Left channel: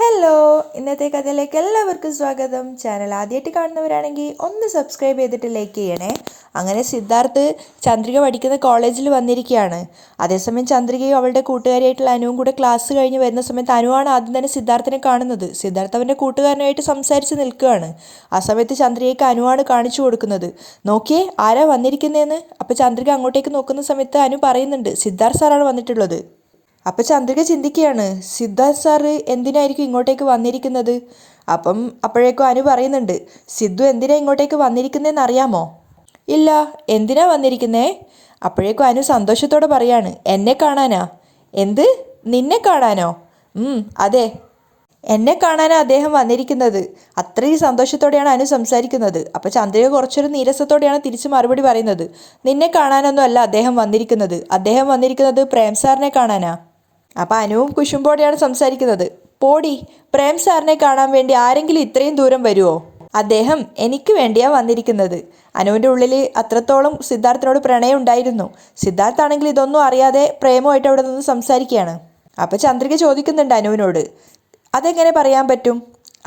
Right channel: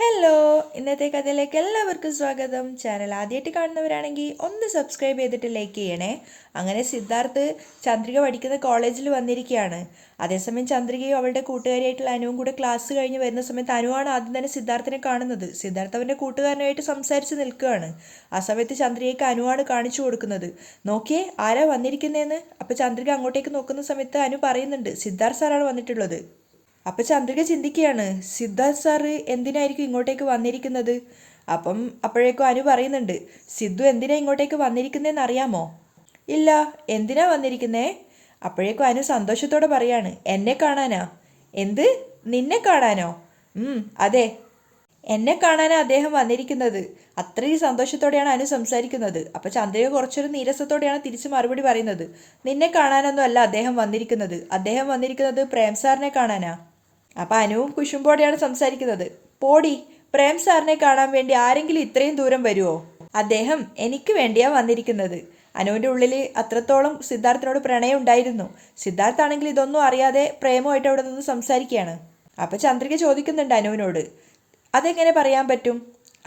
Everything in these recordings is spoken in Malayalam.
ഹലോ, ഇന്നത്തെ കഥയിലേക്ക് എല്ലാവർക്കും സ്വാഗതം. ചാനൽ ആദ്യമായിട്ട് കാണുന്നവരാണെങ്കിൽ ഒന്ന് സബ്സ്ക്രൈബ് ചെയ്തിട്ട് ലൈക്ക് ചെയ്യണേ. അങ്ങനെ സിദ്ധാർത്ഥ് ചന്ദ്രിക പഠിക്കുന്ന കോളേജിൽ വന്നിരിക്കുകയാണ്. അതേസമയം ചന്ദ്രികയും അവളുടെ കൂട്ടുകാരിയായിട്ടുള്ള അനുവും കൂടെ ക്ലാസ് കഴിഞ്ഞ് വരുന്ന സമയത്ത് അനുവാണ് ആദ്യം തന്നെ സിദ്ധാർത്ഥിനെ കാണുന്നത്. സിദ്ധാർത്ഥ് അവൻ്റെ കൂട്ടുകാരനായിട്ട് സംസാരിച്ച് നിൽക്കുകയാണ്. ആ സമയത്ത് ചന്ദ്രികയ്ക്ക് അനുവാണ് കാണിച്ചു കൊടുക്കുന്നത്. നോക്കിയേ, ആരാ വന്നിരിക്കുന്നതെന്ന്. അപ്പോൾ ചന്ദ്രിക അങ്ങോട്ടേക്ക് നോക്കുന്ന സമയത്ത് അനു പറയുന്നുണ്ട്, സിദ്ധാർത്ഥ് സാറാണ് വന്നിട്ടുള്ളത്. അപ്പം ചന്ദ്രിക ചിന്തിക്കുകയാണ്, സിദ്ധാർത്ഥ് സാറ് എന്തിനായിരിക്കും ഇങ്ങോട്ടേക്ക് വന്നിരിക്കുന്നത്. അപ്പോഴേക്കും അനു പറയുന്നുണ്ട്, സിദ്ധു എന്തിനാ ഇങ്ങോട്ടേക്ക് വന്നിരിക്കുന്നതെന്ന് അറിയാമോ? ഇല്ല, എന്തിനാ വന്നിരിക്കുന്നേ? അപ്പോഴേക്കും അനു സന്തോഷത്തോടെ പറയാണ്, എന്നെ കാണാനാ. എന്ത്, നിന്നെ കാണാനോ? അതെ, എന്നെ കാണാനാണ് അദ്ദേഹം വന്നിരിക്കുന്നത്. അത്രയും സന്തോഷത്തോടെയാണ് അനു സംസാരിക്കുന്നത്. അപ്പോൾ ചന്ദ്രിക കുറച്ചൊരു നീരസത്തോടെയാണ് തിരിച്ച് മറുപടി പറയുന്നത്, നിന്നെ കാണാനൊന്നും അല്ല അദ്ദേഹം വന്നിരിക്കുന്നത്. അദ്ദേഹം വന്നിരിക്കുന്നത് പ്രേം സാറിനെ കാണാനാ. അപ്പം അനുവും കുശുമ്പോടെയാണ് സംസാരിക്കുന്നത്. പോടി, പ്രേം സാറിനെ കാണാൻ വേണ്ടി ആരെങ്കിലും ഇത്രയും ദൂരം വരുമോ? അദ്ദേഹം എനിക്ക് വേണ്ടിയാണ് വന്നിരിക്കുന്നത്. അനുവിൻ്റെ ഉള്ളിൽ അത്രത്തോളം സിദ്ധാർത്ഥിനോട് പ്രണയം ഉണ്ടായിരുന്നു. സിദ്ധാർത്ഥാണെങ്കിൽ ഇതൊന്നും അറിയാതെ പ്രേമമായിട്ട് അവിടെ നിന്ന് സംസാരിക്കുകയാണ്. അപ്പം ചന്ദ്രിക ചോദിക്കുന്നുണ്ട് അനുവിനോട്, അതെങ്ങനെ പറയാൻ പറ്റും?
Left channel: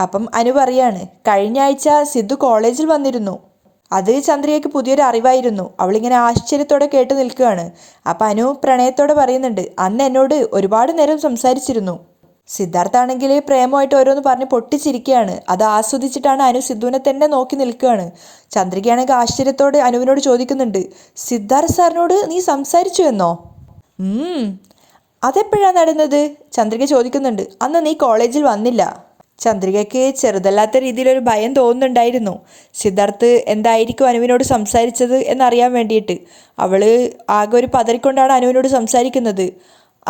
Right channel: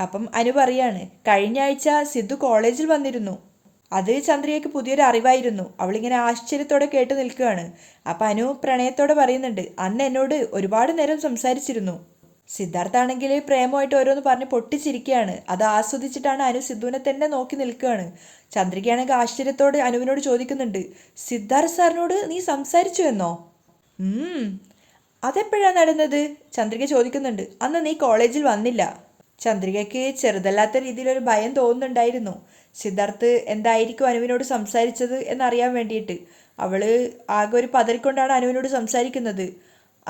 അപ്പം അനു പറയാണ്, കഴിഞ്ഞ ആഴ്ച സിദ്ധു കോളേജിൽ വന്നിരുന്നു. അത് ചന്ദ്രികയ്ക്ക് പുതിയൊരു അറിവായിരുന്നു. അവളിങ്ങനെ ആശ്ചര്യത്തോടെ കേട്ട് നിൽക്കുകയാണ്. അപ്പം അനു പ്രണയത്തോടെ പറയുന്നുണ്ട്, അന്ന് എന്നോട് ഒരുപാട് നേരം സംസാരിച്ചിരുന്നു. സിദ്ധാർത്ഥാണെങ്കിൽ പ്രേമമായിട്ട് ഓരോന്ന് പറഞ്ഞ് പൊട്ടിച്ചിരിക്കുകയാണ്. അത് ആസ്വദിച്ചിട്ടാണ് അനു സിദ്ധുവിനെ തന്നെ നോക്കി നിൽക്കുകയാണ്. ചന്ദ്രികയാണെങ്കിൽ ആശ്ചര്യത്തോടെ അനുവിനോട് ചോദിക്കുന്നുണ്ട്, സിദ്ധാർത്ഥ് സാറിനോട് നീ സംസാരിച്ചു എന്നോ? അതെപ്പോഴാണ് നടന്നത്? ചന്ദ്രിക ചോദിക്കുന്നുണ്ട്. അന്ന് നീ കോളേജിൽ വന്നില്ല. ചന്ദ്രികയ്ക്ക് ചെറുതല്ലാത്ത രീതിയിലൊരു ഭയം തോന്നുന്നുണ്ടായിരുന്നു. സിദ്ധാർത്ഥ് എന്തായിരിക്കും അനുവിനോട് സംസാരിച്ചത് എന്നറിയാൻ വേണ്ടിയിട്ട്. അവൾ ആകെ ഒരു പതറിക്കൊണ്ടാണ് അനുവിനോട് സംസാരിക്കുന്നത്.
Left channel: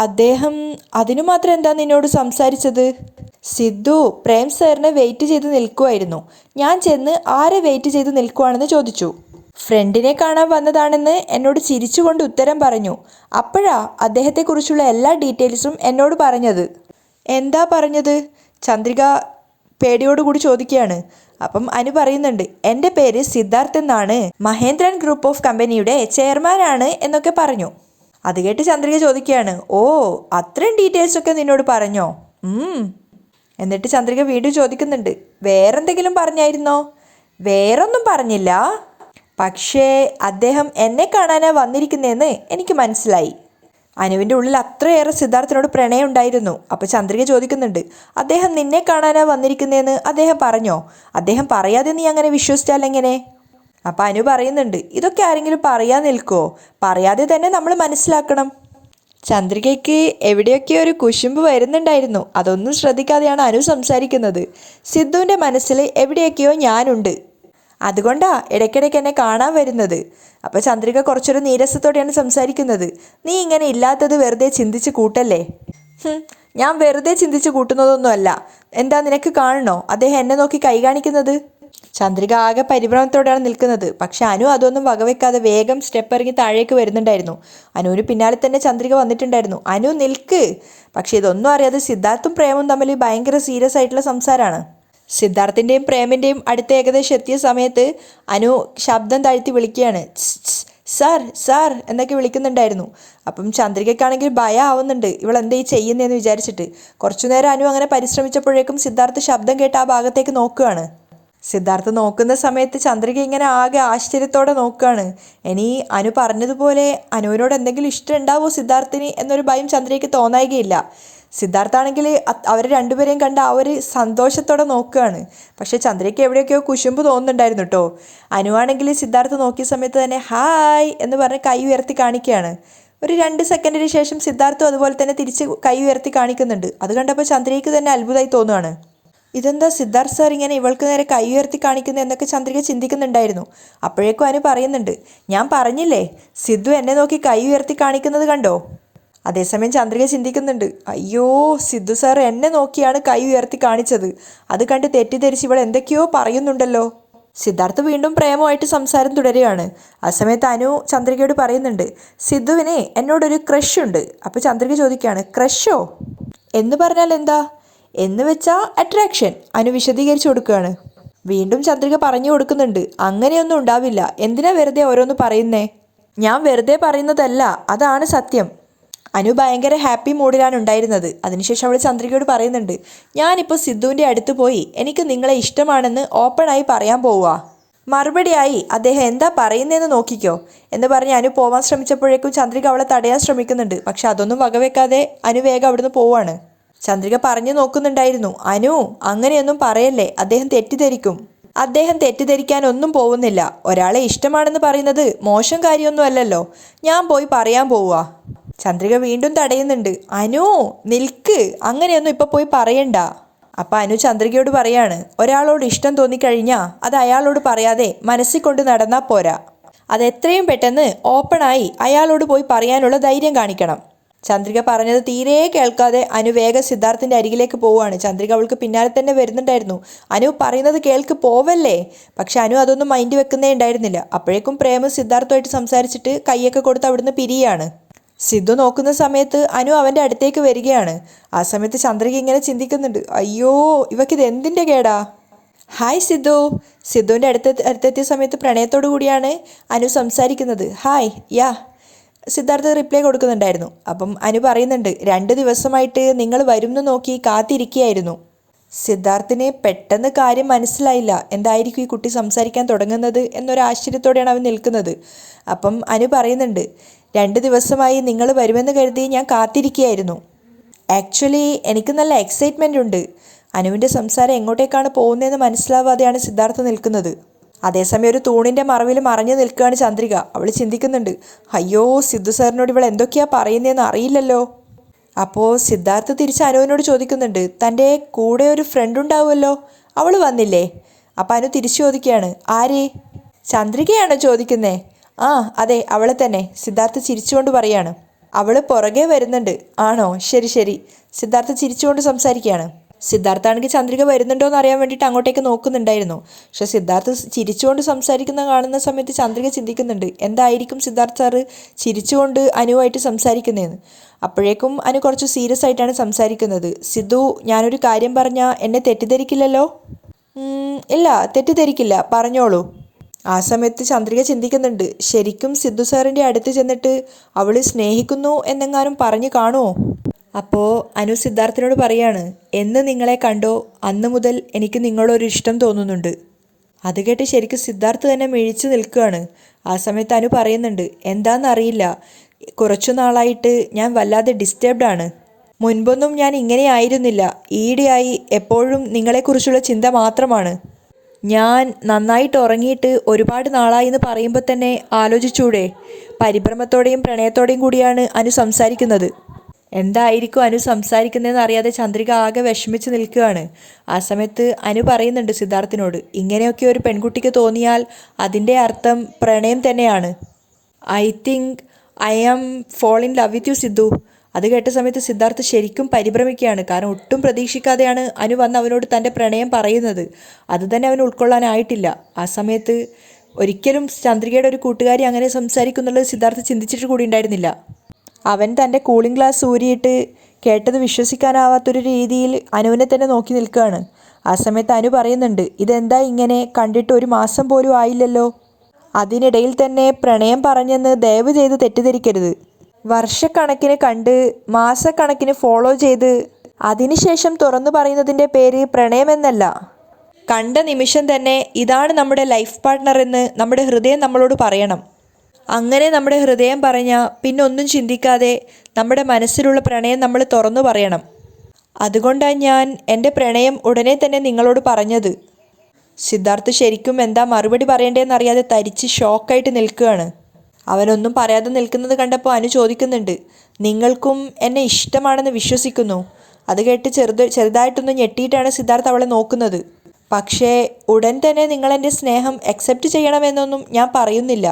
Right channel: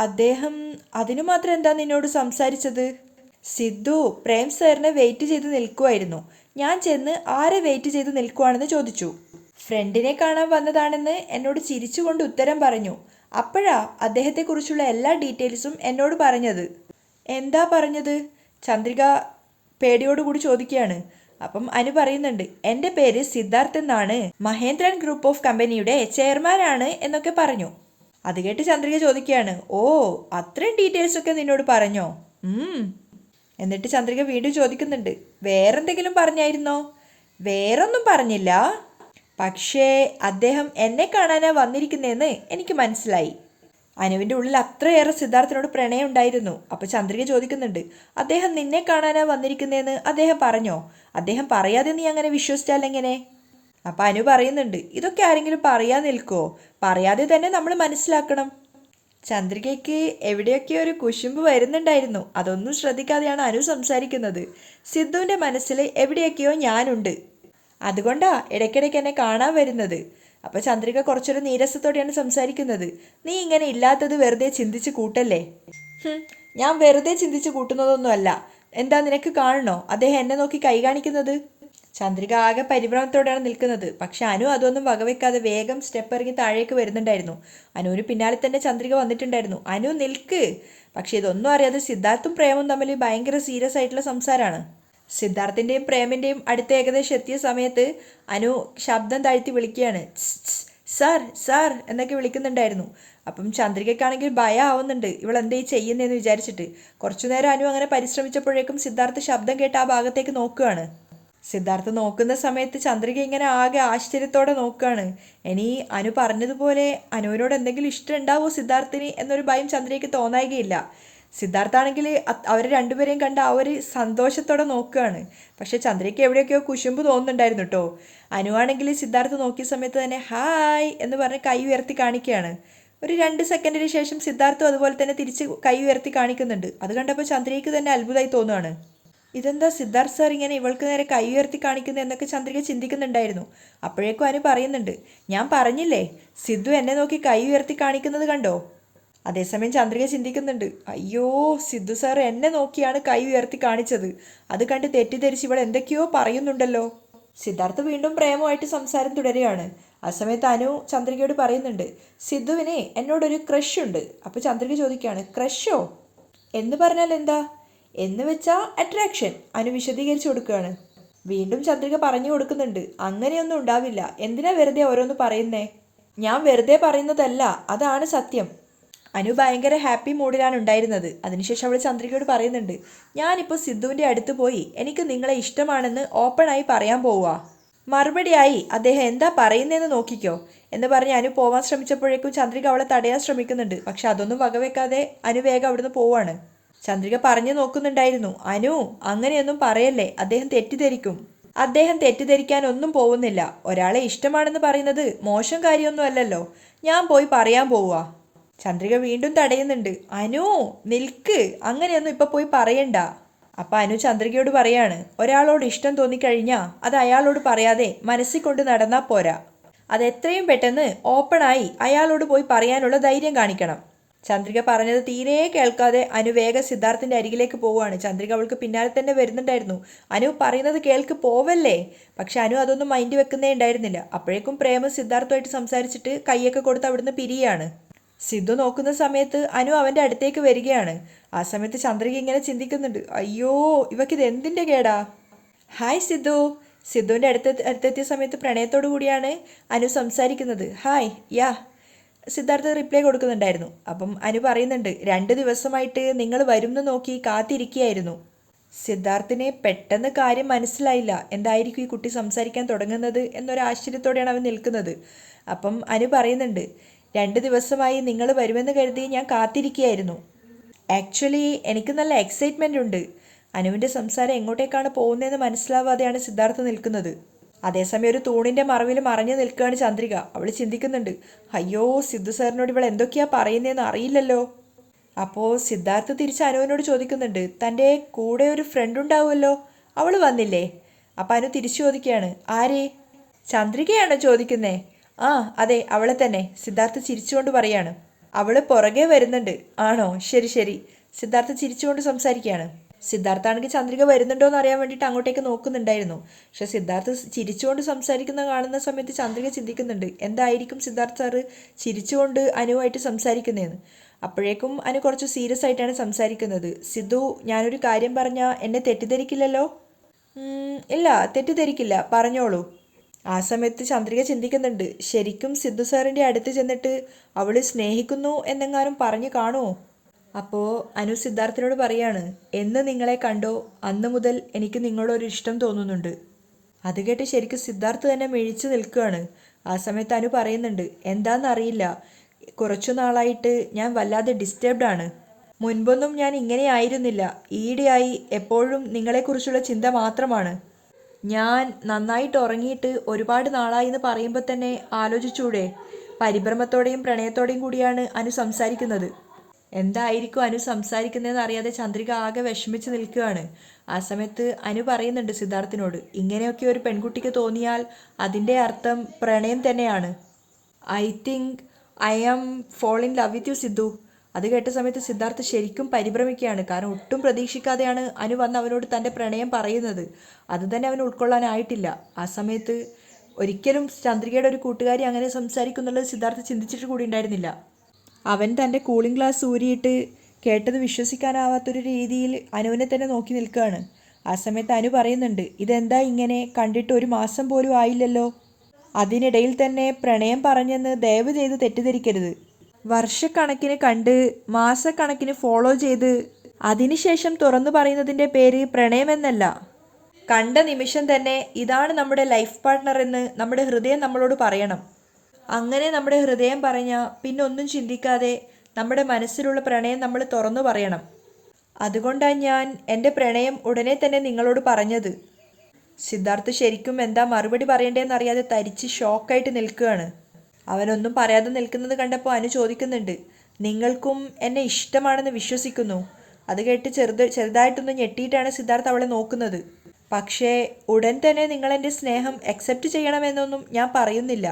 അദ്ദേഹം അതിനു മാത്രം എന്താ നിന്നോട് സംസാരിച്ചത്? സിദ്ധു പ്രേം സാറിനെ വെയിറ്റ് ചെയ്ത് നിൽക്കുമായിരുന്നു. ഞാൻ ചെന്ന് ആരെ വെയിറ്റ് ചെയ്ത് നിൽക്കുവാണെന്ന് ചോദിച്ചു. ഫ്രണ്ടിനെ കാണാൻ വന്നതാണെന്ന് എന്നോട് ചിരിച്ചുകൊണ്ട് ഉത്തരം പറഞ്ഞു. അപ്പോഴാ അദ്ദേഹത്തെക്കുറിച്ചുള്ള എല്ലാ ഡീറ്റെയിൽസും എന്നോട് പറഞ്ഞത്. എന്താ പറഞ്ഞത്? ചന്ദ്രിക പേടിയോടുകൂടി ചോദിക്കുകയാണ്. അപ്പം അനു പറയുന്നുണ്ട്, എൻ്റെ പേര് സിദ്ധാർത്ഥ് എന്നാണ്, മഹേന്ദ്രൻ ഗ്രൂപ്പ് ഓഫ് കമ്പനിയുടെ ചെയർമാനാണ് എന്നൊക്കെ പറഞ്ഞു. അത് കേട്ട് ചന്ദ്രിക ചോദിക്കുകയാണ്, ഓ, അത്രയും ഡീറ്റെയിൽസൊക്കെ നിന്നോട് പറഞ്ഞോ? എന്നിട്ട് ചന്ദ്രിക വീണ്ടും ചോദിക്കുന്നുണ്ട്, വേറെന്തെങ്കിലും പറഞ്ഞായിരുന്നോ? വേറൊന്നും പറഞ്ഞില്ല, പക്ഷേ അദ്ദേഹം എന്നെ കാണാനാണ് വന്നിരിക്കുന്നതെന്ന് എനിക്ക് മനസ്സിലായി. അനുവിൻ്റെ ഉള്ളിൽ അത്രയേറെ സിദ്ധാർത്ഥിനോട് പ്രണയം ഉണ്ടായിരുന്നു. അപ്പോൾ ചന്ദ്രിക ചോദിക്കുന്നുണ്ട്, അദ്ദേഹം നിന്നെ കാണാനാണ് വന്നിരിക്കുന്നതെന്ന് അദ്ദേഹം പറഞ്ഞോ? അദ്ദേഹം പറയാതെ നീ അങ്ങനെ വിശ്വസിച്ചാൽ എങ്ങനെ? അപ്പോൾ അനു പറയുന്നുണ്ട്, ഇതൊക്കെ ആരെങ്കിലും പറയാൻ നിൽക്കുമോ? പറയാതെ തന്നെ നമ്മൾ മനസ്സിലാക്കണം. ചന്ദ്രികയ്ക്ക് എവിടെയൊക്കെയോ ഒരു കുശുമ്പ് വരുന്നുണ്ടായിരുന്നു. അതൊന്നും ശ്രദ്ധിക്കാതെയാണ് അനു സംസാരിക്കുന്നത്. സിദ്ധുവിൻ്റെ മനസ്സിൽ എവിടെയൊക്കെയോ ഞാനുണ്ട്, അതുകൊണ്ടാ ഇടയ്ക്കിടയ്ക്ക് എന്നെ കാണാൻ വരുന്നത്. അപ്പോൾ ചന്ദ്രിക കുറച്ചൊരു നീരസത്തോടെയാണ് സംസാരിക്കുന്നത്. നീ ഇങ്ങനെ ഇല്ലാത്തത് വെറുതെ ചിന്തിച്ച് കൂട്ടല്ലേ. ഞാൻ വെറുതെ ചിന്തിച്ച് കൂട്ടുന്നതൊന്നുമല്ല. എന്താ, നിനക്ക് കാണണോ അദ്ദേഹം എന്നെ നോക്കി കൈ കാണിക്കുന്നത്? ചന്ദ്രിക ആകെ പരിഭ്രമത്തോടെയാണ് നിൽക്കുന്നത്. പക്ഷെ അനു അതൊന്നും വകവെക്കാതെ വേഗം സ്റ്റെപ്പ് ഇറങ്ങി താഴേക്ക് വരുന്നുണ്ടായിരുന്നു. അനുവിന് പിന്നാലെ തന്നെ ചന്ദ്രിക വന്നിട്ടുണ്ടായിരുന്നു. അനു നിൽക്ക്. പക്ഷെ ഇതൊന്നും അറിയാതെ സിദ്ധാർത്ഥും പ്രേമും തമ്മിൽ ഭയങ്കര സീരിയസ് ആയിട്ടുള്ള സംസാരമാണ്. സിദ്ധാർത്ഥിൻ്റെയും പ്രേമിൻ്റെയും അടുത്ത് ഏകദേശം എത്തിയ സമയത്ത് അനു ശബ്ദം താഴ്ത്തി വിളിക്കുകയാണ്, സാർ സാർ എന്നൊക്കെ വിളിക്കുന്നുണ്ടായിരുന്നു. അപ്പം ചന്ദ്രികയ്ക്കാണെങ്കിൽ ഭയം ആവുന്നുണ്ട്, ഇവളെന്താ ഈ ചെയ്യുന്നതെന്ന് വിചാരിച്ചിട്ട്. കുറച്ചു നേരം അനു അങ്ങനെ പരിശ്രമിച്ചപ്പോഴേക്കും സിദ്ധാർത്ഥ് ശബ്ദം കേട്ട് ആ ഭാഗത്തേക്ക് നോക്കുകയാണ്. സിദ്ധാർത്ഥ് നോക്കുന്ന സമയത്ത് ചന്ദ്രിക ഇങ്ങനെ ആകെ ആശ്ചര്യത്തോടെ നോക്കുകയാണ്. ഇനി അനു പറഞ്ഞതുപോലെ അനുവിനോട് എന്തെങ്കിലും ഇഷ്ടം ഉണ്ടാവുമോ സിദ്ധാർത്ഥിന് എന്നൊരു ഭയം ചന്ദ്രികയ്ക്ക് തോന്നായികയില്ല. സിദ്ധാർത്ഥാണെങ്കിൽ അവർ രണ്ടുപേരെയും കണ്ട് ആ ഒരു സന്തോഷത്തോടെ നോക്കുകയാണ്. പക്ഷേ ചന്ദ്രയ്ക്ക് എവിടെയൊക്കെയോ കുശുമ്പ് തോന്നുന്നുണ്ടായിരുന്നു കേട്ടോ. അനുവാണെങ്കിൽ സിദ്ധാർത്ഥ് നോക്കിയ സമയത്ത് തന്നെ ഹായ് എന്ന് പറഞ്ഞ് കൈ ഉയർത്തി കാണിക്കുകയാണ്. ഒരു 2 സെക്കൻഡിന് ശേഷം സിദ്ധാർത്ഥും അതുപോലെ തന്നെ തിരിച്ച് കൈ ഉയർത്തി കാണിക്കുന്നുണ്ട്. അത് കണ്ടപ്പോൾ ചന്ദ്രയ്ക്ക് തന്നെ അത്ഭുതമായി തോന്നുകയാണ്. ഇതെന്താ സിദ്ധാർത്ഥ് സാർ ഇങ്ങനെ ഇവൾക്ക് നേരെ കൈ ഉയർത്തി കാണിക്കുന്നത് എന്നൊക്കെ ചന്ദ്രിക ചിന്തിക്കുന്നുണ്ടായിരുന്നു. അപ്പോഴേക്കും അനു പറയുന്നുണ്ട്, ഞാൻ പറഞ്ഞില്ലേ, സിദ്ധു എന്നെ നോക്കി കൈ ഉയർത്തി കാണിക്കുന്നത് കണ്ടോ? അതേസമയം ചന്ദ്രിക ചിന്തിക്കുന്നുണ്ട്, അയ്യോ, സിദ്ധു സാർ എന്നെ നോക്കിയാണ് കൈ ഉയർത്തി കാണിച്ചത്. അത് കണ്ട് തെറ്റിദ്ധരിച്ച് ഇവൾ എന്തൊക്കെയോ പറയുന്നുണ്ടല്ലോ. സിദ്ധാർത്ഥ് വീണ്ടും പ്രേമമായിട്ട് സംസാരം തുടരുകയാണ്. ആ സമയത്ത് അനു ചന്ദ്രികയോട് പറയുന്നുണ്ട്, സിദ്ധുവിന് എന്നോടൊരു ക്രഷ് ഉണ്ട്. അപ്പോൾ ചന്ദ്രിക ചോദിക്കുകയാണ്, ക്രഷോ എന്ന് പറഞ്ഞാൽ എന്താ? എന്ന് വെച്ചാൽ അട്രാക്ഷൻ. അനു വിശദീകരിച്ചു കൊടുക്കുകയാണ്. വീണ്ടും ചന്ദ്രിക പറഞ്ഞു കൊടുക്കുന്നുണ്ട്, അങ്ങനെയൊന്നും ഉണ്ടാവില്ല, എന്തിനാ വെറുതെ ഓരോന്ന് പറയുന്നേ? ഞാൻ വെറുതെ പറയുന്നതല്ല, അതാണ് സത്യം. അനു ഭയങ്കര ഹാപ്പി മൂഡിലാണ് ഉണ്ടായിരുന്നത്. അതിനുശേഷം അവൾ ചന്ദ്രികയോട് പറയുന്നുണ്ട്, ഞാനിപ്പോൾ സിദ്ധുവിൻ്റെ അടുത്ത് പോയി എനിക്ക് നിങ്ങളെ ഇഷ്ടമാണെന്ന് ഓപ്പണായി പറയാൻ പോവുക. മറുപടിയായി അദ്ദേഹം എന്താ പറയുന്നതെന്ന് നോക്കിക്കോ എന്ന് പറഞ്ഞ് അനു പോവാൻ ശ്രമിച്ചപ്പോഴേക്കും ചന്ദ്രിക അവളെ തടയാൻ ശ്രമിക്കുന്നുണ്ട്. പക്ഷെ അതൊന്നും വകവെക്കാതെ അനു വേഗം അവിടുന്ന് പോവാണ്. ചന്ദ്രിക പറഞ്ഞു നോക്കുന്നുണ്ടായിരുന്നു, അനു അങ്ങനെയൊന്നും പറയല്ലേ, അദ്ദേഹം തെറ്റിദ്ധരിക്കും. അദ്ദേഹം തെറ്റിദ്ധരിക്കാൻ ഒന്നും പോകുന്നില്ല. ഒരാളെ ഇഷ്ടമാണെന്ന് പറയുന്നത് മോശം കാര്യമൊന്നും അല്ലല്ലോ. ഞാൻ പോയി പറയാൻ പോവുക. ചന്ദ്രിക വീണ്ടും തടയുന്നുണ്ട്. അനു നിൽക്ക്, അങ്ങനെയൊന്നും ഇപ്പൊ പോയി പറയണ്ട. അപ്പം അനു ചന്ദ്രികയോട് പറയാണ്, ഒരാളോട് ഇഷ്ടം തോന്നിക്കഴിഞ്ഞാൽ അത് അയാളോട് പറയാതെ മനസ്സിൽ കൊണ്ട് നടന്നാൽ പോരാ. അത് എത്രയും പെട്ടെന്ന് ഓപ്പണായി അയാളോട് പോയി പറയാനുള്ള ധൈര്യം കാണിക്കണം. ചന്ദ്രിക പറഞ്ഞത് തീരെ കേൾക്കാതെ അനു വേഗം സിദ്ധാർത്ഥിൻ്റെ അരികിലേക്ക് പോവുകയാണ്. ചന്ദ്രിക അവൾക്ക് പിന്നാലെ തന്നെ വരുന്നുണ്ടായിരുന്നു. അനു പറയുന്നത് കേൾക്ക്, പോവല്ലേ. പക്ഷെ അനു അതൊന്നും മൈൻഡ് വെക്കുന്നേ ഉണ്ടായിരുന്നില്ല. അപ്പോഴേക്കും പ്രേമ സിദ്ധാർത്ഥുമായിട്ട് സംസാരിച്ചിട്ട് കൈയൊക്കെ കൊടുത്ത് അവിടുന്ന് പിരിയാണ്. സിദ്ധു നോക്കുന്ന സമയത്ത് അനു അവൻ്റെ അടുത്തേക്ക് വരികയാണ്. ആ സമയത്ത് ചന്ദ്രിക ഇങ്ങനെ ചിന്തിക്കുന്നുണ്ട്, അയ്യോ ഇവക്കിത് എന്തിൻ്റെ കേടാ. ഹായ് സിദ്ധു. സിദ്ധുവിൻ്റെ അടുത്തെത്തിയ സമയത്ത് പ്രണയത്തോടു കൂടിയാണ് അനു സംസാരിക്കുന്നത്. ഹായ് യാ സിദ്ധാർത്ഥ റിപ്ലൈ കൊടുക്കുന്നുണ്ടായിരുന്നു. അപ്പം അനു പറയുന്നുണ്ട്, 2 ദിവസമായിട്ട് നിങ്ങൾ വരുമെന്ന് നോക്കി കാത്തിരിക്കുകയായിരുന്നു. സിദ്ധാർത്ഥിന് പെട്ടെന്ന് കാര്യം മനസ്സിലായില്ല. എന്തായിരിക്കും ഈ കുട്ടി സംസാരിക്കാൻ തുടങ്ങുന്നത് എന്നൊരു ആശ്ചര്യത്തോടെയാണ് അവൻ നിൽക്കുന്നത്. അപ്പം അനു പറയുന്നുണ്ട്, 2 ദിവസമായി നിങ്ങൾ വരുമെന്ന് കരുതി ഞാൻ കാത്തിരിക്കുകയായിരുന്നു. ആക്ച്വലി എനിക്ക് നല്ല എക്സൈറ്റ്മെൻ്റ് ഉണ്ട്. അനുവിൻ്റെ സംസാരം എങ്ങോട്ടേക്കാണ് പോകുന്നതെന്ന് മനസ്സിലാവാതെയാണ് സിദ്ധാർത്ഥ നിൽക്കുന്നത്. അതേസമയം ഒരു തൂണിൻ്റെ മറവിൽ മറഞ്ഞു നിൽക്കുകയാണ് ചന്ദ്രിക. അവൾ ചിന്തിക്കുന്നുണ്ട്, അയ്യോ സിദ്ധു സാറിനോട് ഇവൾ എന്തൊക്കെയാ പറയുന്നതെന്ന് അറിയില്ലല്ലോ. അപ്പോൾ സിദ്ധാർത്ഥ തിരിച്ച് അനുവിനോട് ചോദിക്കുന്നുണ്ട്, തൻ്റെ കൂടെ ഒരു ഫ്രണ്ട് ഉണ്ടാവുമല്ലോ, അവൾ വന്നില്ലേ. അപ്പം അനു തിരിച്ചു ചോദിക്കുകയാണ്, ആര്? ചന്ദ്രികയാണോ ചോദിക്കുന്നേ? ആ അതെ അവളെ തന്നെ. സിദ്ധാർത്ഥ ചിരിച്ചുകൊണ്ട് പറയാണ്. അവൾ പുറകെ വരുന്നുണ്ട്. ആണോ, ശരി ശരി. സിദ്ധാർത്ഥ ചിരിച്ചുകൊണ്ട് സംസാരിക്കുകയാണ്. സിദ്ധാർത്ഥ ആണെങ്കിൽ ചന്ദ്രിക വരുന്നുണ്ടോ എന്ന് അറിയാൻ വേണ്ടിയിട്ട് അങ്ങോട്ടേക്ക് നോക്കുന്നുണ്ടായിരുന്നു. പക്ഷെ സിദ്ധാർത്ഥ ചിരിച്ചുകൊണ്ട് കാണുന്ന സമയത്ത് ചന്ദ്രിക ചിന്തിക്കുന്നുണ്ട്, എന്തായിരിക്കും സിദ്ധാർത്ഥ സാറ് ചിരിച്ചുകൊണ്ട് അനുവായിട്ട് സംസാരിക്കുന്നതെന്ന്. അപ്പോഴേക്കും അനു കുറച്ച് സീരിയസ് ആയിട്ടാണ് സംസാരിക്കുന്നത്. സിദ്ധു, ഞാനൊരു കാര്യം പറഞ്ഞാൽ എന്നെ തെറ്റിദ്ധരിക്കില്ലല്ലോ? ഇല്ല തെറ്റിദ്ധരിക്കില്ല, പറഞ്ഞോളൂ. ആ സമയത്ത് ചന്ദ്രിക ചിന്തിക്കുന്നുണ്ട്, ശരിക്കും സിദ്ധു സാറിൻ്റെ അടുത്ത് ചെന്നിട്ട് അവൾ സ്നേഹിക്കുന്നു എന്നെങ്ങാനും പറഞ്ഞു കാണുമോ? അപ്പോൾ അനു സിദ്ധാർത്ഥിനോട് പറയാണ്, എന്ന് നിങ്ങളെ കണ്ടോ അന്ന് മുതൽ എനിക്ക് നിങ്ങളൊരു ഇഷ്ടം തോന്നുന്നുണ്ട്. അത് കേട്ട് ശരിക്കും സിദ്ധാർത്ഥ് തന്നെ മിഴിച്ചു നിൽക്കുകയാണ്. ആ സമയത്ത് അനു പറയുന്നുണ്ട്, എന്താണെന്നറിയില്ല, കുറച്ചു നാളായിട്ട് ഞാൻ വല്ലാതെ ഡിസ്റ്റർബ്ഡ് ആണ്. മുൻപൊന്നും ഞാൻ ഇങ്ങനെ ആയിരുന്നില്ല. ഈയിടെയായി എപ്പോഴും നിങ്ങളെക്കുറിച്ചുള്ള ചിന്ത മാത്രമാണ്. ഞാൻ നന്നായിട്ട് ഉറങ്ങിയിട്ട് ഒരുപാട് നാളായി എന്ന് പറയുമ്പോൾ തന്നെ ആലോചിച്ചൂടെ. പരിഭ്രമത്തോടെയും പ്രണയത്തോടെയും കൂടിയാണ് അനു സംസാരിക്കുന്നത്. എന്തായിരിക്കും അനു സംസാരിക്കുന്നതെന്ന് അറിയാതെ ചന്ദ്രിക ആകെ വിഷമിച്ച് നിൽക്കുകയാണ്. ആ സമയത്ത് അനു പറയുന്നുണ്ട് സിദ്ധാർത്ഥിനോട്, ഇങ്ങനെയൊക്കെ ഒരു പെൺകുട്ടിക്ക് തോന്നിയാൽ അതിൻ്റെ അർത്ഥം പ്രണയം തന്നെയാണ്. I think I am fall in love with you Sidhu. അത് കേട്ട സമയത്ത് സിദ്ധാർത്ഥ് ശരിക്കും പരിഭ്രമിക്കുകയാണ്. കാരണം ഒട്ടും പ്രതീക്ഷിക്കാതെയാണ് അനു വന്ന് അവനോട് തൻ്റെ പ്രണയം പറയുന്നത്. അത് തന്നെ അവന് ഉൾക്കൊള്ളാനായിട്ടില്ല. ആ സമയത്ത് ഒരിക്കലും ചന്ദ്രികയുടെ ഒരു കൂട്ടുകാരി അങ്ങനെ സംസാരിക്കുന്നുള്ളത് സിദ്ധാർത്ഥ് ചിന്തിച്ചിട്ട് കൂടി ഉണ്ടായിരുന്നില്ല. അവൻ തൻ്റെ കൂളിംഗ് ഗ്ലാസ് ഊരിയിട്ട് കേട്ടത് വിശ്വസിക്കാനാവാത്തൊരു രീതിയിൽ അനുവിനെ തന്നെ നോക്കി നിൽക്കുകയാണ്. ആ സമയത്ത് അനു പറയുന്നുണ്ട്, ഇതെന്താ ഇങ്ങനെ, കണ്ടിട്ട് 1 മാസം പോലും ആയില്ലല്ലോ. അതിനിടയിൽ തന്നെ പ്രണയം പറഞ്ഞെന്ന് ദയവ് ചെയ്ത് തെറ്റിദ്ധരിക്കരുത്. വർഷക്കണക്കിന് കണ്ട് മാസക്കണക്കിന് ഫോളോ ചെയ്ത് അതിനുശേഷം തുറന്നു പറയുന്നതിൻ്റെ പേര് പ്രണയമെന്നല്ല. കണ്ട നിമിഷം തന്നെ ഇതാണ് നമ്മുടെ ലൈഫ് പാർട്ട്ണർ എന്ന് നമ്മുടെ ഹൃദയം നമ്മളോട് പറയണം. അങ്ങനെ നമ്മുടെ ഹൃദയം പറഞ്ഞാൽ പിന്നെ ഒന്നും ചിന്തിക്കാതെ നമ്മുടെ മനസ്സിലുള്ള പ്രണയം നമ്മൾ തുറന്നു പറയണം. അതുകൊണ്ടാണ് ഞാൻ എൻ്റെ പ്രണയം ഉടനെ തന്നെ നിങ്ങളോട് പറഞ്ഞത്. സിദ്ധാർത്ഥ് ശരിക്കും എന്താ മറുപടി പറയേണ്ടതെന്നറിയാതെ തരിച്ച് ഷോക്കായിട്ട് നിൽക്കുകയാണ്. അവനൊന്നും പറയാതെ നിൽക്കുന്നത് കണ്ടപ്പോൾ അനു ചോദിക്കുന്നുണ്ട്, നിങ്ങൾക്കും എന്നെ ഇഷ്ടമാണെന്ന് വിശ്വസിക്കുന്നു? അത് കേട്ട് ചെറുതായിട്ടൊന്ന് ഞെട്ടിയിട്ടാണ് സിദ്ധാർത്ഥ് അവളെ നോക്കുന്നത്. പക്ഷേ ഉടൻ തന്നെ നിങ്ങളെൻ്റെ സ്നേഹം അക്സെപ്റ്റ് ചെയ്യണമെന്നൊന്നും ഞാൻ പറയുന്നില്ല.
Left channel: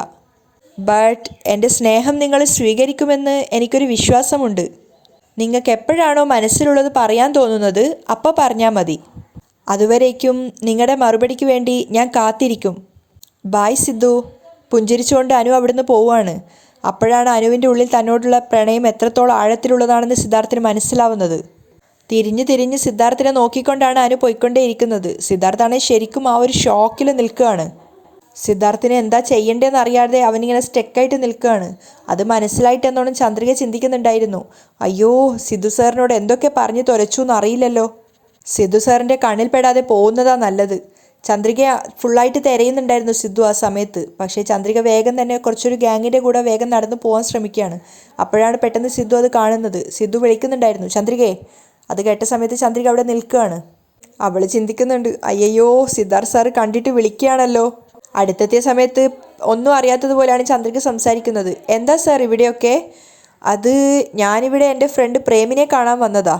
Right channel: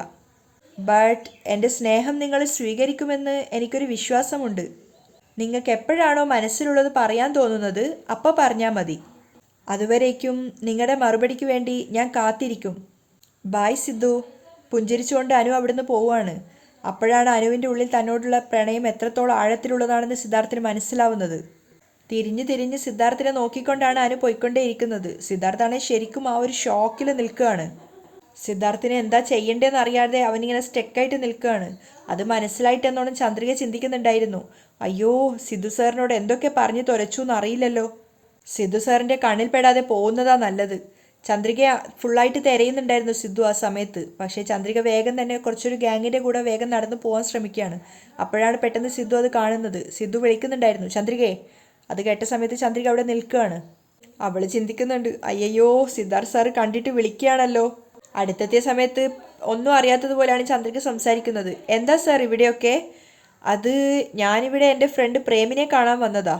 ബട്ട് എൻ്റെ സ്നേഹം നിങ്ങൾ സ്വീകരിക്കുമെന്ന് എനിക്കൊരു വിശ്വാസമുണ്ട്. നിങ്ങൾക്ക് എപ്പോഴാണോ മനസ്സിലുള്ളത് പറയാൻ തോന്നുന്നത് അപ്പോൾ പറഞ്ഞാൽ മതി. അതുവരേക്കും നിങ്ങളുടെ മറുപടിക്ക് വേണ്ടി ഞാൻ കാത്തിരിക്കും. ബായ് സിദ്ധു. പുഞ്ചിരിച്ചുകൊണ്ട് അനു അവിടുന്ന് പോവുകയാണ്. അപ്പോഴാണ് അനുവിൻ്റെ ഉള്ളിൽ തന്നോടുള്ള പ്രണയം എത്രത്തോളം ആഴത്തിലുള്ളതാണെന്ന് സിദ്ധാർത്ഥിന് മനസ്സിലാവുന്നത്. തിരിഞ്ഞ് സിദ്ധാർത്ഥിനെ നോക്കിക്കൊണ്ടാണ് അനു പോയിക്കൊണ്ടേയിരിക്കുന്നത്. സിദ്ധാർത്ഥാണെങ്കിൽ ശരിക്കും ആ ഒരു ഷോക്കിൽ നിൽക്കുകയാണ്. സിദ്ധാർത്ഥിനെ എന്താ ചെയ്യേണ്ടതെന്ന് അറിയാതെ അവനിങ്ങനെ സ്റ്റെക്കായിട്ട് നിൽക്കുകയാണ്. അത് മനസ്സിലായിട്ടെന്നോണം ചന്ദ്രിക ചിന്തിക്കുന്നുണ്ടായിരുന്നു. അയ്യോ, സിദ്ധു സാറിനോട് എന്തൊക്കെ പറഞ്ഞു തുരച്ചു എന്നറിയില്ലല്ലോ. സിദ്ധു സാറിൻ്റെ കണ്ണിൽ പെടാതെ പോകുന്നതാ നല്ലത്. ചന്ദ്രിക ഫുള്ളായിട്ട് തിരയുന്നുണ്ടായിരുന്നു സിദ്ധു ആ സമയത്ത്. പക്ഷേ ചന്ദ്രിക വേഗം തന്നെ കുറച്ചൊരു ഗ്യാങ്ങിൻ്റെ കൂടെ വേഗം നടന്നു പോകാൻ ശ്രമിക്കുകയാണ്. അപ്പോഴാണ് പെട്ടെന്ന് സിദ്ധു അത് കാണുന്നത്. സിദ്ധു വിളിക്കുന്നുണ്ടായിരുന്നു, ചന്ദ്രികയെ. അത് കേട്ട സമയത്ത് ചന്ദ്രിക അവിടെ നിൽക്കുകയാണ്. അവൾ ചിന്തിക്കുന്നുണ്ട്, അയ്യയ്യോ, സിദ്ധാർത്ഥ് സാറ് കണ്ടിട്ട് വിളിക്കുകയാണല്ലോ. അടുത്തെത്തിയ സമയത്ത് ഒന്നും അറിയാത്തതുപോലെയാണ് ചന്ദ്രിക സംസാരിക്കുന്നത്. എന്താ സാർ ഇവിടെയൊക്കെ? അത് ഞാനിവിടെ എൻ്റെ ഫ്രണ്ട് പ്രേമിനെ കാണാൻ വന്നതാ.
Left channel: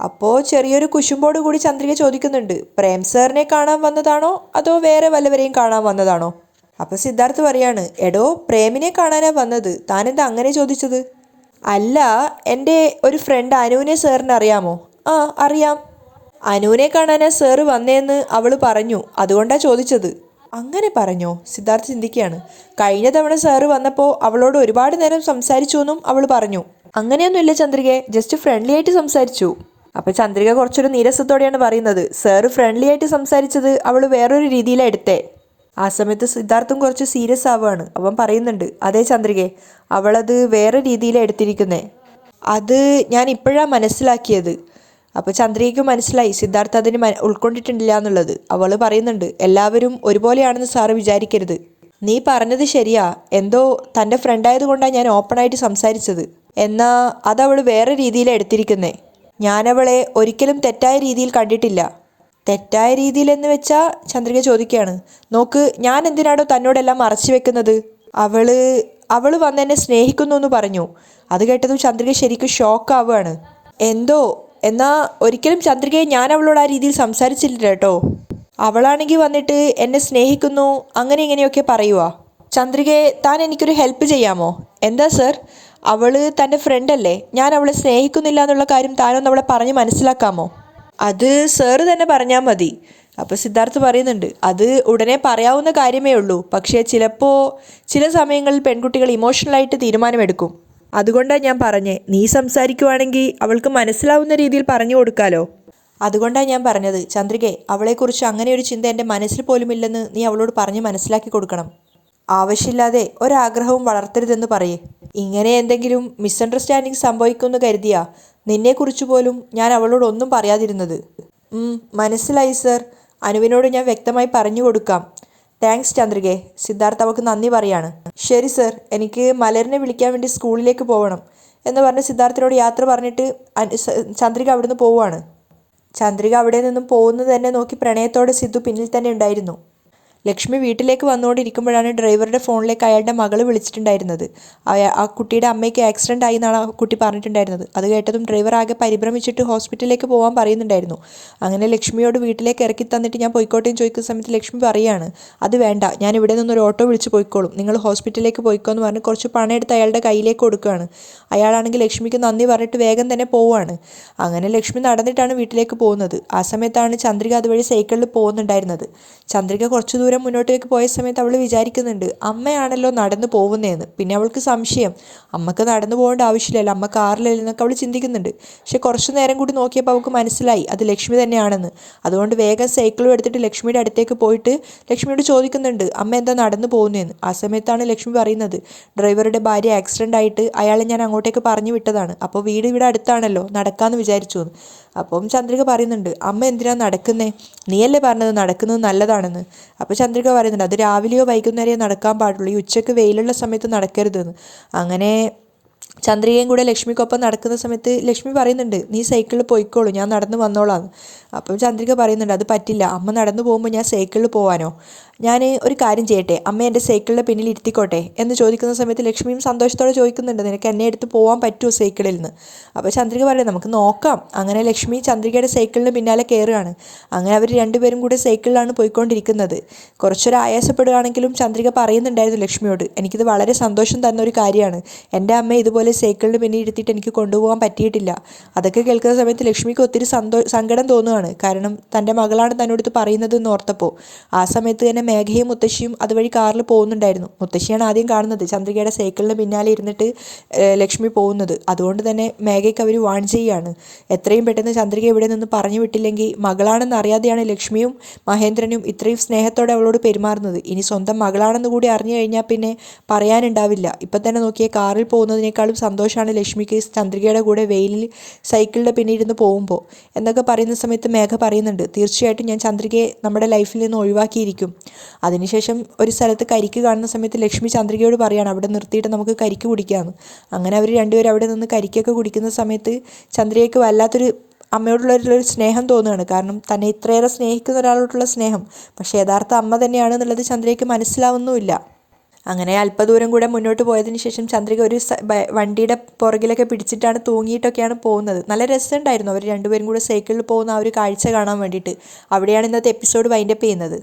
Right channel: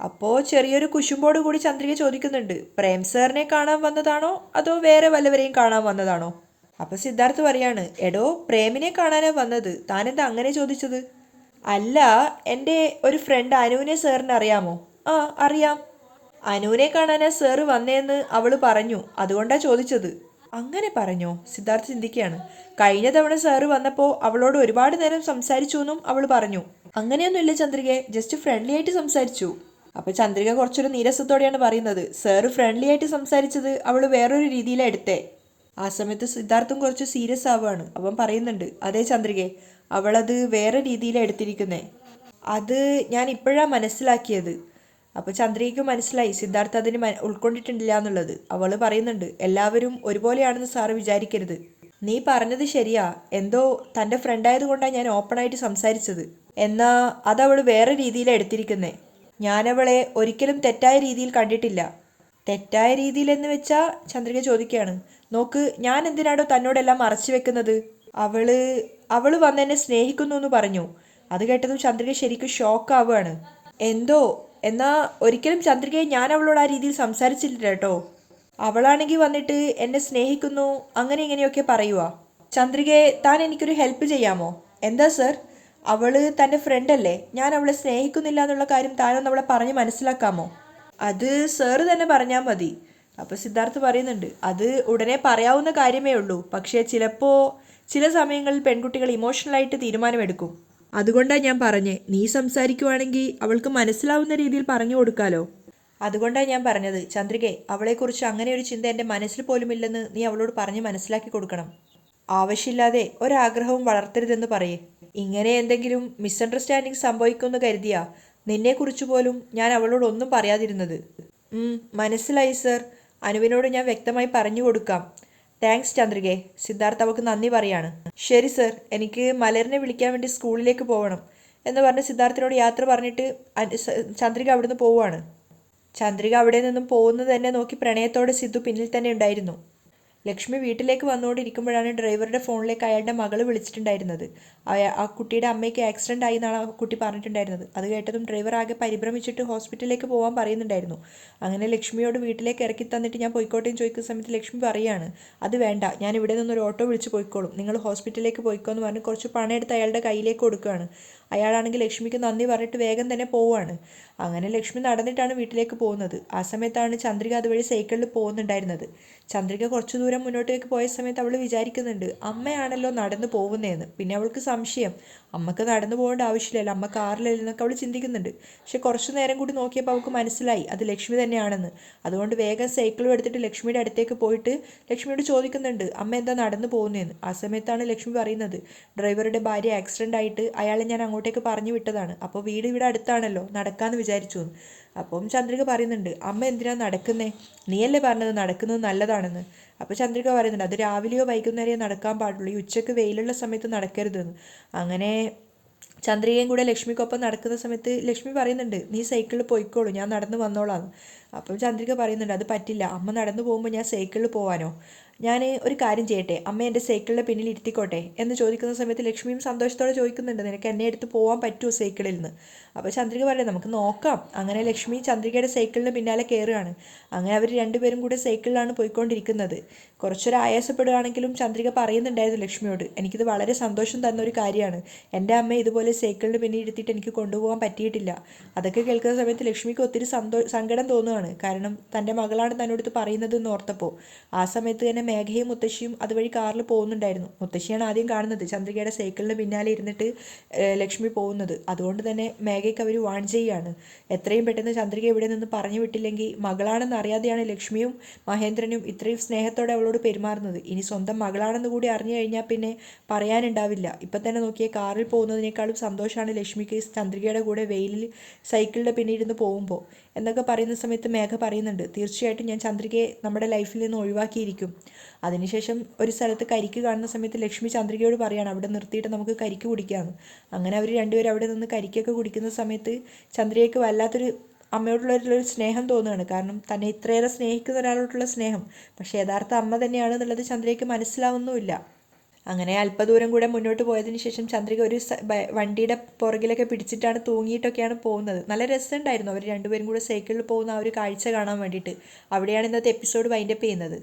അപ്പോൾ ചെറിയൊരു കുശുമ്പോട് കൂടി ചന്ദ്രിക ചോദിക്കുന്നുണ്ട്, പ്രേം സാറിനെ കാണാൻ വന്നതാണോ അതോ വേറെ വല്ലവരെയും കാണാൻ വന്നതാണോ? അപ്പോൾ സിദ്ധാർത്ഥ് പറയാണ്, എടോ, പ്രേമിനെ കാണാനാ വന്നത്. താനെന്താ അങ്ങനെ ചോദിച്ചത്? അല്ല, എൻ്റെ ഒരു ഫ്രണ്ട് അനുവിനെ സാറിന് അറിയാമോ? ആ, അറിയാം. അനുവിനെ കാണാനാ സാറ് വന്നേന്ന് അവൾ പറഞ്ഞു, അതുകൊണ്ടാണ് ചോദിച്ചത്. അങ്ങനെ പറഞ്ഞോ? സിദ്ധാർത്ഥ് ചിന്തിക്കുകയാണ്. കഴിഞ്ഞ തവണ സാറ് വന്നപ്പോൾ അവളോട് ഒരുപാട് നേരം സംസാരിച്ചു എന്നും അവൾ പറഞ്ഞു. അങ്ങനെയൊന്നുമില്ല ചന്ദ്രികയെ, ജസ്റ്റ് ഫ്രണ്ട്ലി ആയിട്ട് സംസാരിച്ചു. അപ്പോൾ ചന്ദ്രിക കുറച്ചൊരു നീരസത്തോടെയാണ് പറയുന്നത്, സാറ് ഫ്രണ്ട്ലി ആയിട്ട് സംസാരിച്ചത് അവൾ വേറൊരു രീതിയിലാണ് എടുത്തേ. ആ സമയത്ത് സിദ്ധാർത്ഥും കുറച്ച് സീരിയസ് ആവുകയാണ്. അവൻ പറയുന്നുണ്ട്, അതേ ചന്ദ്രികയെ, അവളത് വേറെ രീതിയിലാണ് എടുത്തിരിക്കുന്നേ. അത് ഞാൻ ഇപ്പോഴാണ് മനസ്സിലാക്കിയത്. അപ്പോൾ ചന്ദ്രികയ്ക്ക് മനസ്സിലായി സിദ്ധാർത്ഥ് അതിന് ഉൾക്കൊണ്ടിട്ടില്ല എന്നുള്ളത്. അവൾ പറയുന്നുണ്ട്, എല്ലാവരും ഒരുപോലെയാണെന്ന് സാറ് വിചാരിക്കരുത്. നീ പറഞ്ഞത് ശരിയാ, എന്തോ തൻ്റെ ഫ്രണ്ടായതുകൊണ്ടാണ് ഞാൻ ഓപ്പണായിട്ട് സംസാരിച്ചത്. എന്നാൽ അതവൾ വേറെ രീതിയിലാണ് എടുത്തിരിക്കുന്നേ. ഞാനവളെ ഒരിക്കലും തെറ്റായ രീതിയിൽ കണ്ടിട്ടില്ല. തെറ്റായ രീതിയിലെന്ന് വെച്ചാൽ ചന്ദ്രിക ചോദിക്കുകയാണ്, നോക്ക്, ഞാൻ എന്തിനാണോ തന്നോടെല്ലാം മറച്ചു വെക്കുന്നത്? അവൾ വന്ന് എന്നെ സ്നേഹിക്കുന്നു എന്ന് പറഞ്ഞു. അത് കേട്ടതും ചന്ദ്രിക ശരിക്കും ഷോക്കാവുകയാണ്. എന്നാൽ ഒരിക്കലും ചന്ദ്രികയെ ഞാൻ അവളോട് ആ രീതിയിൽ സംസാരിച്ചില്ല കേട്ടോ. അവളാണെങ്കിൽ വന്നിട്ട് എന്നെ സ്നേഹിക്കുന്നു അങ്ങനെ ഇങ്ങനെയൊക്കെ പറയുക. ചന്ദ്രികയെ, താൻ എനിക്കൊരു ഹെൽപ്പ് ചെയ്യാമോ? എന്താ സർ? അവൾ തൻ്റെ ഫ്രണ്ടല്ലേ, ഞാൻ അവളെ സ്നേഹിക്കുന്നില്ല എന്നുള്ള കാര്യം താനൊന്ന് അവളെ പറഞ്ഞ് മനസ്സിലാക്കാമോ? അത് സാറ് തന്നെ പറഞ്ഞാൽ മതി. അപ്പോൾ സിദ്ധാർത്ഥ് പറയുന്നുണ്ട്, അത് ഉടനെ പറയാവുന്ന കാര്യമേ ഉള്ളൂ. പക്ഷേ ചില സമയങ്ങളിൽ പെൺകുട്ടികൾ ഇമോഷണലായിട്ട് തീരുമാനമെടുക്കും. അതുകൊണ്ടാണ് ഞാൻ പറഞ്ഞേ, നീ സംസാരിക്കുവാണെങ്കിൽ അവൾക്ക് മനസ്സിലാവുന്ന രീതിയിൽ പറഞ്ഞു കൊടുക്കാലോ. അതുകൊണ്ടാണ് ഞാൻ പറഞ്ഞത്, ചന്ദ്രികയെ, അവളെക്കുറിച്ച് അങ്ങനെ ഒരു ചിന്ത എൻ്റെ മനസ്സിൽ പോലുമില്ലെന്ന് നീ അവളോട് പറഞ്ഞ് മനസ്സിലാക്കി കൊടുക്കണം. ആവശ്യമില്ലാതെ ഒരാഗ്രഹവും വളർത്തരുതെന്ന് പറയേ. ഇങ്ങനെ എന്തെങ്കിലും മിസ്അണ്ടർസ്റ്റാൻഡിങ് സംഭവിക്കുമെന്ന് കരുതിയാ നിന്നെക്കുറിച്ച് പോലും ഞാൻ അവളോട് ഒന്നും പറയാതിരുന്നത്. മനസ്സിലായി സർ. അനുവിനോട് ഞാൻ വ്യക്തമായി പറഞ്ഞു കൊടുക്കാം. താങ്ക്സ് ചന്ദ്രികയെ. സിദ്ധാർത്ഥ് അവൾക്ക് നന്ദി പറയാണ്. ശരി സർ, എനിക്ക് മലരിനെ വിളിക്കാൻ വേണ്ടി സ്കൂളിലേക്ക് പോകണം എന്ന് പറഞ്ഞ് സിദ്ധാർത്ഥിനോട് യാത്ര പറഞ്ഞിട്ട് ചന്ദ്രിക അവിടുന്ന് പോവുകയാണ്. ചന്ദ്രിക അവിടെ നിന്നും പോകുന്നത് തന്നെ നോക്കി പ്രണയത്തോടെ സിദ്ധു പിന്നിൽ തന്നെ ഉണ്ടായിരുന്നു. ലക്ഷ്മി വീട്ടിലേക്ക് വന്നുകൊണ്ടിരിക്കുമ്പോഴാണ് ഡ്രൈവറുടെ ഫോണിലേക്ക് അയാളുടെ മകൾ വിളിച്ചിട്ടുണ്ടായിരുന്നത്. ആ കുട്ടിയുടെ അമ്മയ്ക്ക് ആക്സിഡൻ്റ് ആയി എന്നാണ് ആ കുട്ടി പറഞ്ഞിട്ടുണ്ടായിരുന്നത്. അത് കേട്ടതും ഡ്രൈവർ ആകെ പരിഭ്രമിച്ചിട്ട് ഹോസ്പിറ്റലിലേക്ക് പോകാൻ പറയുന്നുണ്ടായിരുന്നു. അങ്ങനെ ലക്ഷ്മിയോട് വീട്ടിലേക്ക് ഇറക്കി തന്നിട്ട് ഞാൻ പോയിക്കോട്ടേന്ന് ചോദിക്കുന്ന സമയത്ത് ലക്ഷ്മി പറയുകയാണ്, അത് വേണ്ട, ഞാൻ ഇവിടെ നിന്നൊരു ഓട്ടോ വിളിച്ച് പോയിക്കോളും, നിങ്ങൾ ഹോസ്പിറ്റലിലേക്ക് പോയിക്കോ എന്ന് പറഞ്ഞ് കുറച്ച് പണം എടുത്ത് അയാളുടെ കയ്യിലേക്ക് കൊടുക്കുകയാണ്. അയാളാണെങ്കിൽ ലക്ഷ്മിക്ക് നന്ദി പറഞ്ഞിട്ട് വേഗം തന്നെ പോവുകയാണ്. അങ്ങനെ ലക്ഷ്മി നടന്നിട്ടാണ് വീട്ടിലേക്ക് പോകുന്നത്. ആ സമയത്താണ് ചന്ദ്രിക അതുവഴി സൈക്കിളിൽ പോകുന്നുണ്ടായിരുന്നത്. ചന്ദ്രിക കുറച്ച് ദൂരം മുന്നോട്ടേക്ക് പോയ സമയത്ത് അവൾ വിചാരിക്കുന്നുണ്ട്, അമ്മയാണല്ലോ നടന്നു പോകുന്നതെന്ന്. പിന്നെ അവൾക്ക് സംശയം, അമ്മക്ക് നടന്നു പോകേണ്ട ആവശ്യമില്ലല്ലോ, അമ്മ കാറിലല്ലെന്നൊക്കെ അവൾ ചിന്തിക്കുന്നുണ്ട്. പക്ഷെ കുറച്ച് നേരം കൂടി നോക്കിയപ്പോൾ അവൾക്ക് മനസ്സിലായി അത് ലക്ഷ്മി തന്നെയാണെന്ന്. അതുകൊണ്ട് വേഗം സൈക്കിളും എടുത്തിട്ട് ലക്ഷ്മിയുടെ അടുത്തേക്ക് പോയിട്ട് ലക്ഷ്മിയോട് ചോദിക്കുന്നുണ്ട്, അമ്മ എന്താ നടന്നു പോകുന്നതെന്ന്. ആ സമയത്താണ് ലക്ഷ്മി പറയുന്നത്, ഡ്രൈവറുടെ ഭാര്യ ആക്സിഡൻ്റ് ആയിട്ട് അയാളെ ഞാൻ അങ്ങോട്ടേക്ക് പറഞ്ഞു വിട്ടതാണ്. അപ്പോൾ വീട് ഇവിടെ അടുത്താണല്ലോ, നടക്കാമെന്ന് വിചാരിച്ചു എന്ന്. അപ്പം ചന്ദ്രിക പറയുന്നുണ്ട്, അമ്മ എന്തിനാണ് നടക്കുന്നേ? നീയല്ലേ പറഞ്ഞത് നടക്കുന്നത് നല്ലതാണെന്ന്. അപ്പോൾ ചന്ദ്രിക പറയുന്നുണ്ട്, അത് രാവിലെയോ വൈകുന്നേരമോ നടക്കാൻ പാടുള്ളൂ, ഈ ഉച്ചയ്ക്ക് വെയിലുള്ള സമയത്ത് നടക്കരുതെന്ന്. അങ്ങനെ ചന്ദ്രികയും കൂടെ ലക്ഷ്മിക്കൊപ്പം നടക്കുന്ന സമയത്ത് ലക്ഷ്മി പറയുന്നുണ്ട്, നീ സൈക്കിളിൽ പോയിക്കോളൂ, ഞാൻ നടന്നു വന്നോളാം. അപ്പം ചന്ദ്രിക പറയുന്നുണ്ട്, അത് പറ്റില്ല, അമ്മ നടന്നു പോകുമ്പോൾ ഞാൻ സൈക്കിളിൽ പോകാനോ? ഞാൻ ഒരു കാര്യം ചെയ്യട്ടെ, അമ്മ എൻ്റെ സൈക്കിളിൻ്റെ പിന്നിൽ ഇരുത്തിക്കോട്ടെ എന്ന് ചോദിക്കുന്ന സമയത്ത് ലക്ഷ്മിയും സന്തോഷത്തോടെ ചോദിക്കുന്നുണ്ട്, നിനക്ക് എന്നെ എടുത്ത് പോകാൻ പറ്റുമോ സൈക്കിളിൽ നിന്ന്? അപ്പോൾ ചന്ദ്രിക പറയും, നമുക്ക് നോക്കാം. അങ്ങനെ ലക്ഷ്മി ചന്ദ്രികയുടെ സൈക്കിളിന് പിന്നാലെ കയറുകയാണ്. അങ്ങനെ അവർ രണ്ടുപേരും കൂടെ സൈക്കിളിലാണ് പോയിക്കൊണ്ടിരിക്കുന്നത്. കുറച്ചൊരു ആയാസപ്പെടുകയാണെങ്കിലും ചന്ദ്രിക പറയുന്നുണ്ടായിരുന്നു ലക്ഷ്മിയോട്, എനിക്കിത് വളരെ സന്തോഷം തന്ന ഒരു കാര്യമാണ്, എൻ്റെ അമ്മയെ ഇതുപോലെ സൈക്കിളിന് പിന്നിൽ ഇരുത്തിയിട്ട് എനിക്ക് കൊണ്ടുപോകാൻ പറ്റിയിട്ടില്ല. അതൊക്കെ കേൾക്കുന്ന സമയത്ത് ലക്ഷ്മിക്ക് ഒത്തിരി സങ്കടം തോന്നുകയാണ്. കാരണം തൻ്റെ മകളാണ് തന്നോട് ഇത് പറയുന്നത് എന്ന് ഓർത്തപ്പോൾ. ആ സമയത്ത് തന്നെ മേഘയും മുത്തശ്ശിയും അതുവഴി കാറിൽ പോകുന്നുണ്ടായിരുന്നു. മുത്തശ്ശിയാണ് ആദ്യം കാണുന്നത് ചന്ദ്രികയുടെ സൈക്കിളിന് പിന്നാലെ ഇരുന്നിട്ട് ലക്ഷ്മി പോകുന്നത്. അതുകൊണ്ട് തന്നെ മേഘയ്ക്ക് അവർ വാൺ ചെയ്യുകയാണ്, എത്രയും പെട്ടെന്ന് ചന്ദ്രിക ഇവിടെ നിന്ന് പറഞ്ഞു വിട്ടില്ലെങ്കിൽ മകളാണെന്ന് അറിയാതെയാണ് ലക്ഷ്മിയും മഹേന്ദ്രനും ഇത്രയും സ്നേഹത്തോടെ അവളോട് പെരുമാറുന്നത്. ഇനി സ്വന്തം മകളാണെന്ന് കൂടി അറിഞ്ഞു കഴിഞ്ഞാൽ പിന്നെ പറയാനുണ്ടാവില്ല. ഇപ്പം തന്നെ നോക്കിയാൽ കാറിൽ പോകുന്നതിനേക്കാളും സന്തോഷമാണ് ലക്ഷ്മിക്ക് ചന്ദ്രികയുടെ കൂടെ വെയിലിൽ സൈക്കിളിൻ്റെ പിന്നിൽ ഇരുന്ന് പോകുമ്പോൾ എന്നൊക്കെ പറയുന്ന സമയത്ത് മേഘ പറയുന്നുണ്ട്, തീർച്ചയായിട്ടും ഞാൻ ചന്ദ്രികയെ നമ്മുടെ ലൈഫിൽ നിന്ന് ഒഴിവാക്കിയിരിക്കും. അതിനുശേഷം ഒരു സ്ഥലത്ത് കരിക്ക് കാണുന്ന സമയത്ത് ലക്ഷ്മി ചന്ദ്രികയോട് പറയാണ് അവിടെ നിർത്തിയിട്ട് നമുക്ക് കരിക്ക് കുടിക്കാമെന്ന്. അങ്ങനെ അവർ രണ്ടുപേരും അവിടെ നിന്ന് കരിക്കൊക്കെ കുടിക്കുന്ന സമയത്ത് ചന്ദ്രികയ്ക്ക് വല്ലാത്തൊരു അമ്മയോടുള്ളൊരു സ്നേഹം തോന്നുകയാണ്. കാരണം തന്നെ ഇത്രയേറെ സ്നേഹിക്കുന്ന ഒരാളോടുള്ള സ്നേഹം, പക്ഷേ യഥാർത്ഥ അമ്മ തന്നെയാണെന്നുള്ളത് ചന്ദ്രികയ്ക്ക് മനസ്സിലാവുന്നുമില്ല. അങ്ങനെ അല്പദൂരം കൂടെ മുന്നോട്ട് പോയതിന് ശേഷം ചന്ദ്രിക ഒരു വണ്ടിയുടെ പുറകിലൊക്കെ പിടിച്ചിട്ടാണ് തൂങ്ങിയിട്ടൊക്കെയാണ് പോകുന്നത്. നല്ല രസമുണ്ടായിരുന്നു അവർ രണ്ടുപേരും കൂടെ സൈക്കിളിൽ പോകുന്ന ആ ഒരു കാഴ്ച കാണാൻ വേണ്ടിയിട്ട്. അവിടെയാണ് ഇന്നത്തെ എപ്പിസോഡ് വൈൻഡപ്പ് ചെയ്യുന്നത്.